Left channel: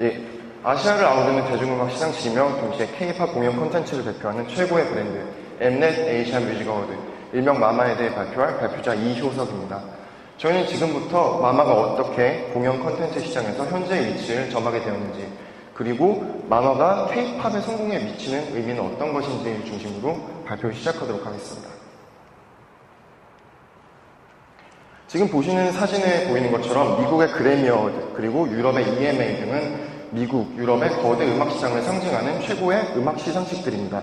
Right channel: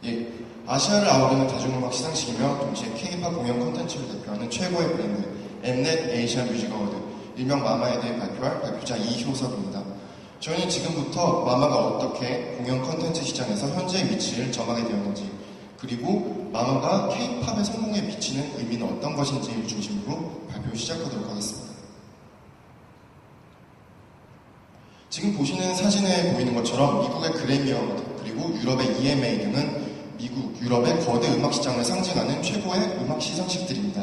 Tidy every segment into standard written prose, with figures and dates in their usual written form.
예, 아시아를 아우르는 대중음악 시상식이며 동시에 K-팝 공연 콘텐츠를 대표하는 최고의 브랜드 엠넷 에이시안 뮤직 어워드, 일명 마마에 대해 발표할 발표자 이효섭입니다. 저희는 지금부터 마마가 어떻게 공연 콘텐츠 시장에서 현재의 위치를 점하게 되었는지, 그리고 마마가 K-팝의 성공에 미치는 의미는 어떤 것인지를 중심으로 발표를 시작하도록 하겠습니다. 지금 보시는 사진에 보이는 것처럼 미국의 그래미 어워드 그리고 유럽의 EMA 등은 미국, 유럽의 거대 음악 시장을 상징하는 최고의 음악 시상식들입니다.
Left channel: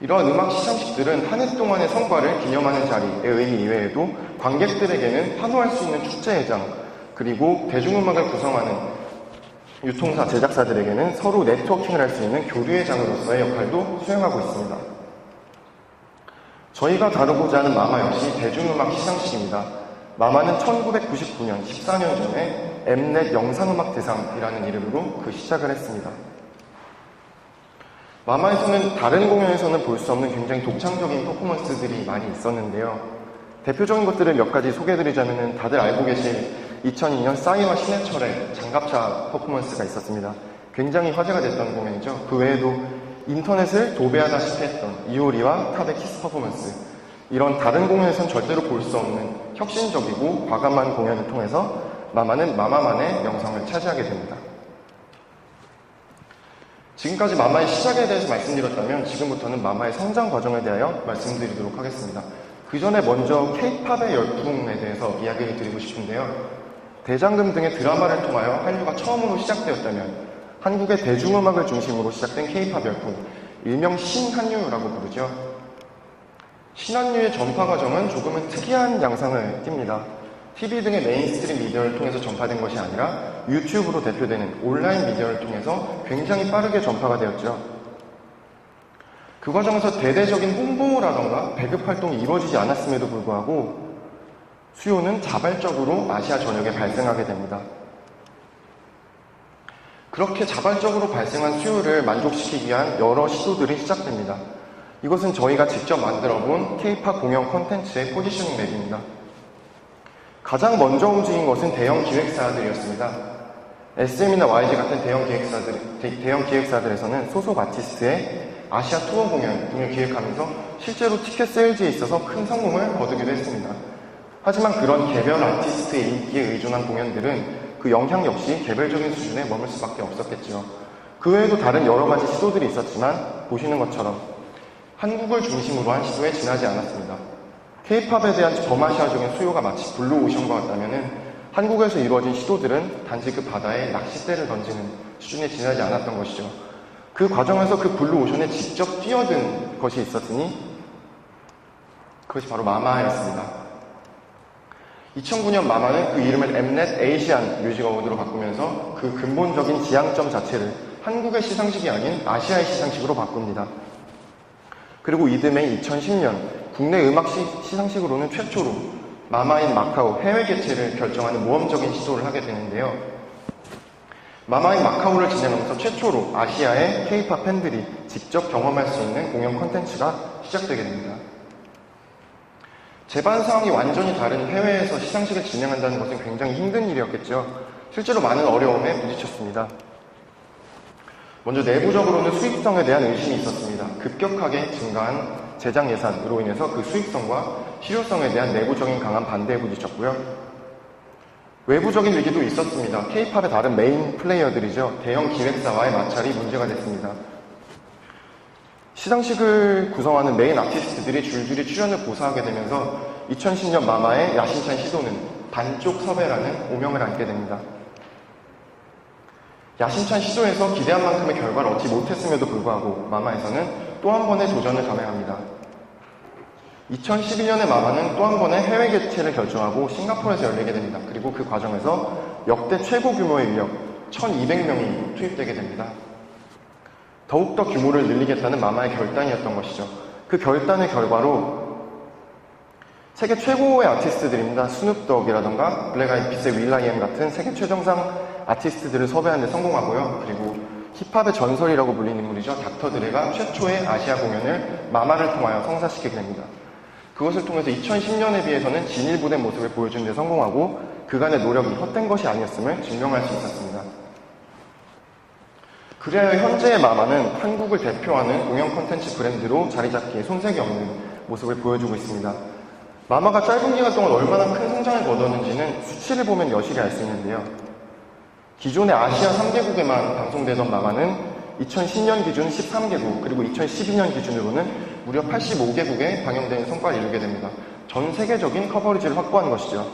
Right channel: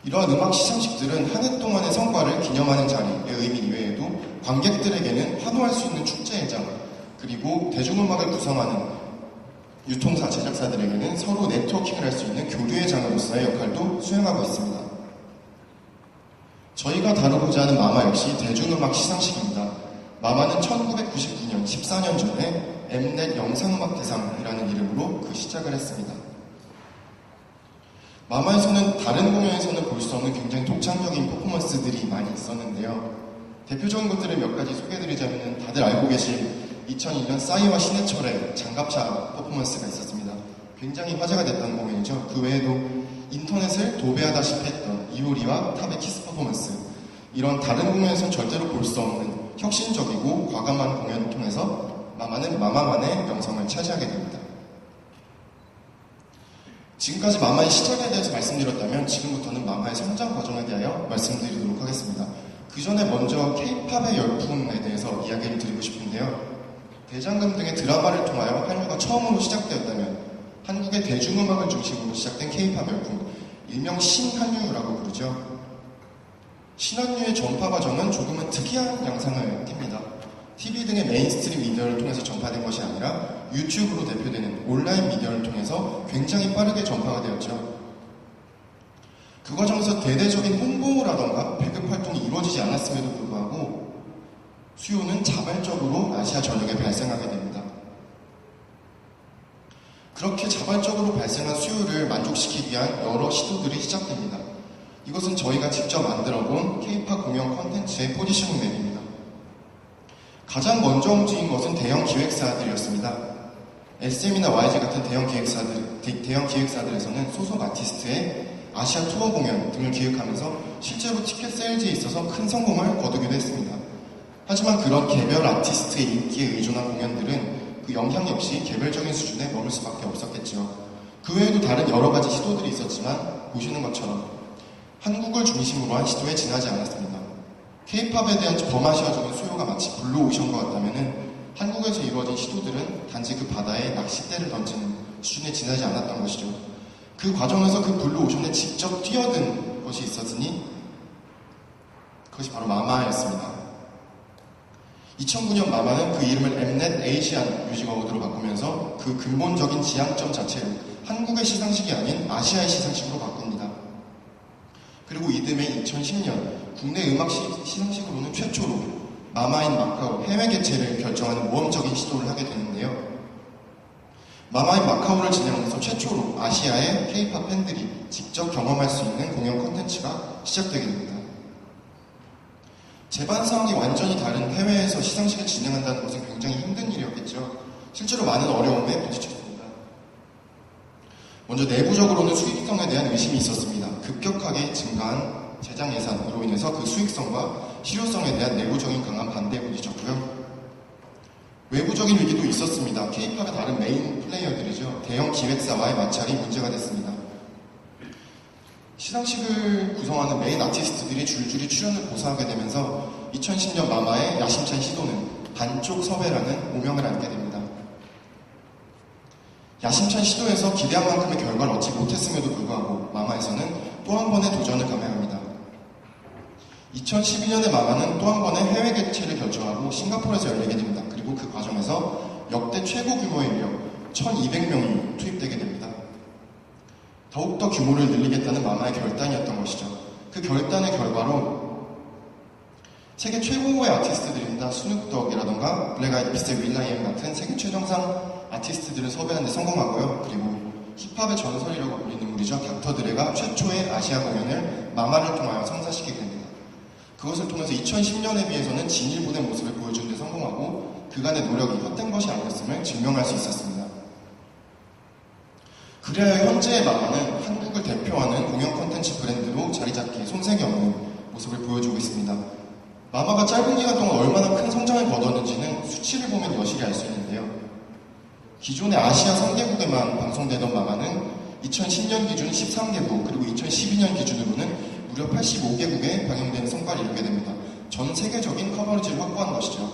이러한 음악 시상식들은 한 해 동안의 성과를 기념하는 자리의 의미 이외에도 관객들에게는 환호할 수 있는 축제회장, 그리고 대중음악을 구성하는 유통사, 제작사들에게는 서로 네트워킹을 할 수 있는 교류의 장으로서의 역할도 수행하고 있습니다. 저희가 다루고자 하는 마마 역시 대중음악 시상식입니다. 마마는 1999년, 14년 전에 엠넷 영상음악대상이라는 이름으로 그 시작을 했습니다. 마마에서는 다른 공연에서는 볼 수 없는 굉장히 독창적인 퍼포먼스들이 많이 있었는데요. 대표적인 것들을 몇 가지 소개해드리자면 다들 알고 계실 2002년 싸이와 신해철의 장갑차 퍼포먼스가 있었습니다. 굉장히 화제가 됐던 공연이죠. 그 외에도 인터넷을 도배하다시피 했던 이효리와 탑의 키스 퍼포먼스, 이런 다른 공연에서는 절대로 볼 수 없는 혁신적이고 과감한 공연을 통해서 마마는 마마만의 명성을 차지하게 됩니다. 지금까지 마마의 시작에 대해서 말씀드렸다면 지금부터는 마마의 성장 과정에 대하여 말씀드리도록 하겠습니다. 그 전에 먼저 K-팝의 열풍에 대해서 이야기를 드리고 싶은데요. 대장금 등의 드라마를 통하여 한류가 처음으로 시작되었다면 한국의 대중음악을 중심으로 시작된 K-팝 열풍, 일명 신한류라고 부르죠. 신한류의 전파 과정은 조금은 특이한 양상을 띱니다. TV 등의 메인스트림 미디어를 통해서 전파된 것이 아니라 유튜브로 대표되는 온라인 미디어를 통해서 굉장히 빠르게 전파가 되었죠. 그 과정에서 대대적인 홍보라던가 배급 활동이 이루어지지 않았음에도 불구하고 수요는 자발적으로 아시아 전역에 발생하게 됩니다. 그렇게 자발적으로 발생한 수요를 만족시키기 위한 여러 시도들이 시작됩니다. 이것은 저희가 직접 만들어본 K-팝 공연 콘텐츠의 포지셔닝 맵입니다. 가장 먼저 움직인 것은 대형 기획사들이었습니다. SM이나 YG 같은 대형 기획사들에서는 소속 아티스트의 아시아 투어 공연 등을 기획하면서 실제로 티켓 세일즈에 있어서 큰 성공을 거두기도 했습니다. 하지만 그런 개별 아티스트의 인기에 의존한 공연들은 그 영향 역시 개별적인 수준에 머물 수밖에 없었겠죠. 그 외에도 다른 여러 가지 시도들이 있었지만 보시는 것처럼 한국을 중심으로 한 시도에 지나지 않았습니다. K-팝에 대한 범아시아적인 수요가 마치 블루오션과 같다면 한국에서 이루어진 시도들은 단지 그 바다에 낚싯대를 던지는 수준에 지나지 않았던 것이죠. 그 과정에서 그 블루오션에 직접 뛰어든 것이 있었으니 그것이 바로 마마였습니다. 2009년 마마는 그 이름을 엠넷 에이시안 뮤직 어워드로 바꾸면서 그 근본적인 지향점 자체를 한국의 시상식이 아닌 아시아의 시상식으로 바꿉니다. 그리고 이듬해 2010년 국내 음악 시상식으로는 최초로 마마인 마카오 해외 개최를 결정하는 모험적인 시도를 하게 되는데요. 마마인 마카오를 진행하면서 최초로 아시아의 K-팝 팬들이 직접 경험할 수 있는 공연 콘텐츠가 시작되게 됩니다. 재반 상황이 완전히 다른 해외에서 시상식을 진행한다는 것은 굉장히 힘든 일이었겠죠. 실제로 많은 어려움에 부딪혔습니다. 먼저 내부적으로는 수익성에 대한 의심이 있었습니다. 급격하게 증가한 제작 예산으로 인해서 그 수익성과 실효성에 대한 내부적인 강한 반대에 부딪혔고요. 외부적인 위기도 있었습니다. K-팝의 다른 메인 플레이어들이죠. 대형 기획사와의 마찰이 문제가 됐습니다. 시상식을 구성하는 메인 아티스트들이 줄줄이 출연을 고사하게 되면서 2010년 마마의 야심찬 시도는 반쪽 섭외라는 오명을 안게 됩니다. 야심찬 시도에서 기대한 만큼의 결과를 얻지 못했음에도 불구하고 마마에서는 또 한 번의 도전을 감행합니다. 2012년에 마마는 또 한 번의 해외 개최를 결정하고 싱가포르에서 열리게 됩니다. 그리고 그 과정에서 역대 최고 규모의 인력 1200명이 투입되게 됩니다. 더욱더 규모를 늘리겠다는 마마의 결단이었던 것이죠. 그 결단의 결과로 세계 최고의 아티스트들입니다. 스눕독이라던가 블랙 아이드 피스의 윌.i.am 같은 세계 최정상 아티스트들을 섭외하는 데 성공하고요. 그리고 힙합의 전설이라고 불리는 인물이죠. 닥터 드레가 최초의 아시아 공연을 마마를 통하여 성사시키게 됩니다. 그것을 통해서 2010년에 비해서는 진일보된 모습을 보여주는 데 성공하고 그간의 노력이 헛된 것이 아니었음을 증명할 수 있었습니다. 그래야 현재의 마마는 한국을 대표하는 공연 콘텐츠 브랜드로 자리 잡기에 손색이 없는 모습을 보여주고 있습니다. 마마가 짧은 기간 동안 얼마나 큰 성장을 거뒀는지는 수치를 보면 여실히 알 수 있는데요. 기존의 아시아 3개국에만 방송되던 마마는 2010년 기준 13개국, 그리고 2012년 기준으로는 무려 85개국에 방영되는 성과를 이루게 됩니다. 전 세계적인 커버리지를 확보한 것이죠.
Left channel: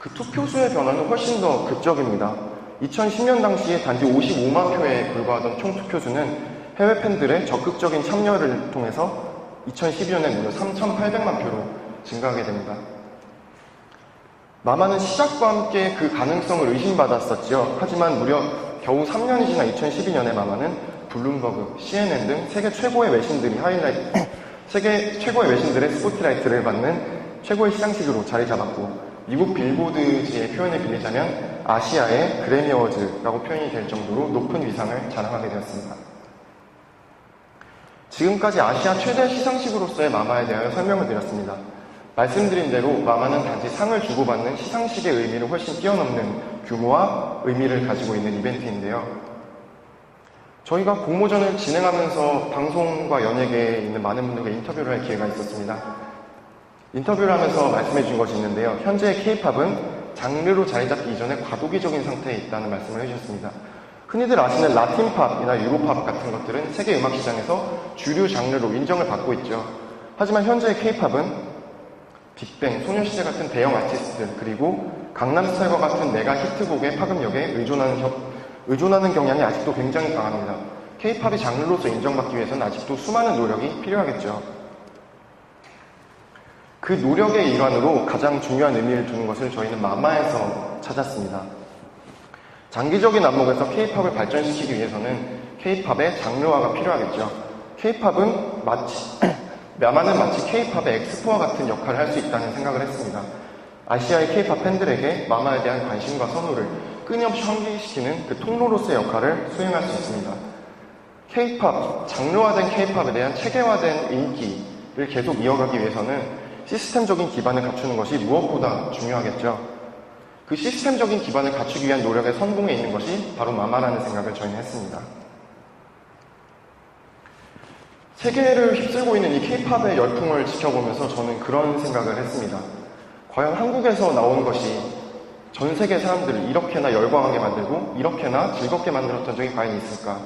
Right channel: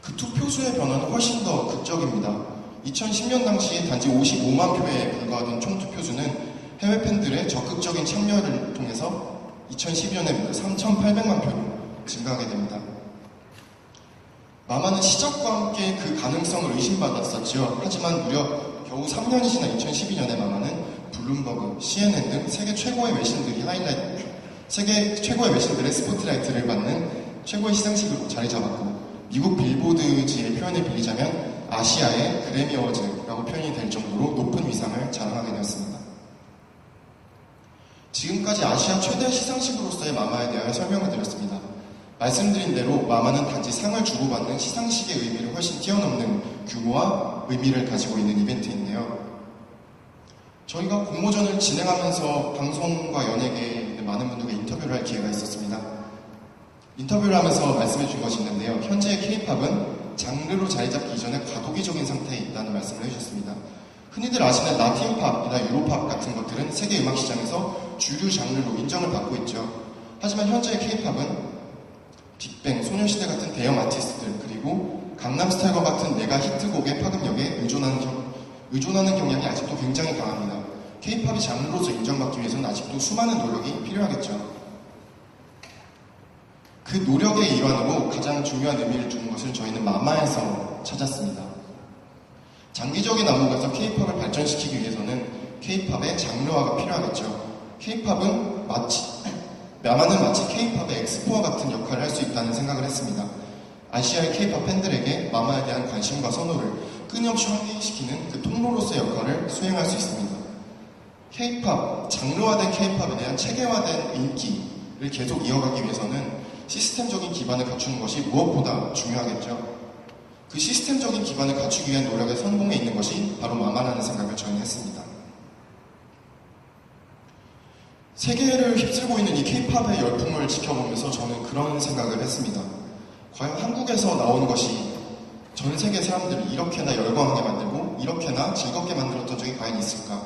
그 투표수의 변화는 훨씬 더 극적입니다. 2010년 당시에 단지 55만 표에 불과하던 총 투표수는 해외 팬들의 적극적인 참여를 통해서 2012년에 무려 3,800만 표로 증가하게 됩니다. 마마는 시작과 함께 그 가능성을 의심받았었죠. 하지만 무려 겨우 3년이 지난 2012년에 마마는 블룸버그, CNN 등 세계 최고의 외신들의 스포트라이트를 받는 최고의 시상식으로 자리 잡았고, 미국 빌보드지의 표현을 빌리자면 아시아의 그래미 어워즈라고 표현이 될 정도로 높은 위상을 자랑하게 되었습니다. 지금까지 아시아 최대 시상식으로서의 마마에 대하여 설명을 드렸습니다. 말씀드린 대로 마마는 단지 상을 주고받는 시상식의 의미를 훨씬 뛰어넘는 규모와 의미를 가지고 있는 이벤트인데요. 저희가 공모전을 진행하면서 방송과 연예계에 있는 많은 분들과 인터뷰를 할 기회가 있었습니다. 인터뷰를 하면서 말씀해 준 것이 있는데요. 현재의 K-팝은 장르로 자리 잡기 이전에 과도기적인 상태에 있다는 말씀을 해주셨습니다. 흔히들 아시는 라틴팝이나 유로팝 같은 것들은 세계 음악 시장에서 주류 장르로 인정을 받고 있죠. 하지만 현재의 K-팝은 빅뱅, 소녀시대 같은 대형 아티스트들, 그리고 강남스타일과 같은 메가 히트곡의 파급력에 의존하는 경향이 아직도 굉장히 강합니다. K-팝이 장르로서 인정받기 위해서는 아직도 수많은 노력이 필요하겠죠. 그 노력의 일환으로 가장 중요한 의미를 두는 것을 저희는 마마에서 찾았습니다. 장기적인 안목에서 K-팝을 발전시키기 위해서는 K-팝의 장르화가 필요하겠죠. 마마는 마치 K-팝의 엑스포와 같은 역할을 할 수 있다는 생각을 했습니다. 아시아의 K-팝 팬들에게 마마에 대한 관심과 선호를 끊임없이 환기시키는 그 통로로서의 역할을 수행할 수 있습니다. K-팝, 장르화된 K-팝에 대한 체계화된 인기를 계속 이어가기 위해서는 시스템적인 기반을 갖추는 것이 무엇보다 중요하겠죠. 그 시스템적인 기반을 갖추기 위한 노력의 성공에 있는 것이 바로 마마라는 생각을 저희는 했습니다. 세계를 휩쓸고 있는 이 K-팝의 열풍을 지켜보면서 저는 그런 생각을 했습니다. 과연 한국에서 나온 것이 전 세계 사람들을 이렇게나 열광하게 만들고 이렇게나 즐겁게 만들었던 적이 과연 있을까?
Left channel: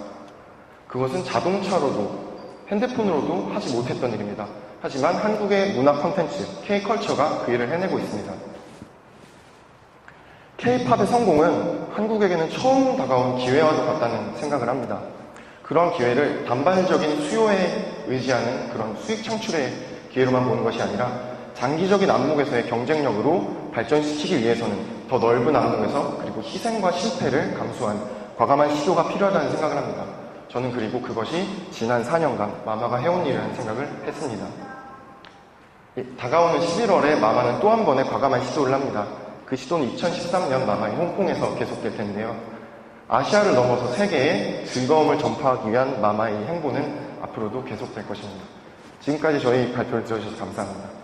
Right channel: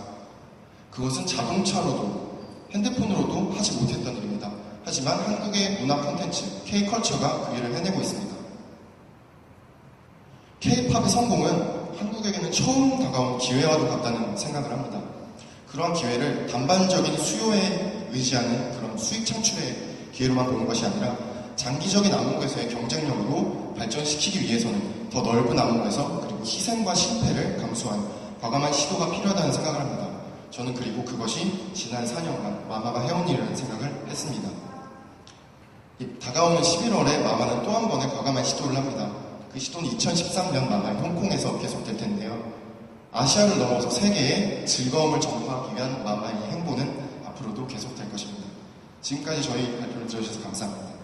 그것은 자동차로도 핸드폰으로도 하지 못했던 일입니다. 하지만 한국의 문화 콘텐츠, K-컬처가 그 일을 해내고 있습니다. K-팝의 성공은 한국에게는 처음 다가온 기회와도 같다는 생각을 합니다. 그런 기회를 단발적인 수요에 의지하는 그런 수익 창출의 기회로만 보는 것이 아니라 장기적인 안목에서의 경쟁력으로 발전시키기 위해서는 더 넓은 안목에서 그리고 희생과 실패를 감수한 과감한 시도가 필요하다는 생각을 합니다. 저는 그리고 그것이 지난 4년간 마마가 해온 일이라는 생각을 했습니다. 다가오는 11월에 마마는 또 한 번의 과감한 시도를 합니다. 그 시도는 2013년 마마인 홍콩에서 계속될 텐데요. 아시아를 넘어서 세계에 즐거움을 전파하기 위한 마마의 행보는 앞으로도 계속될 것입니다. 지금까지 저희 발표를 들어주셔서 감사합니다.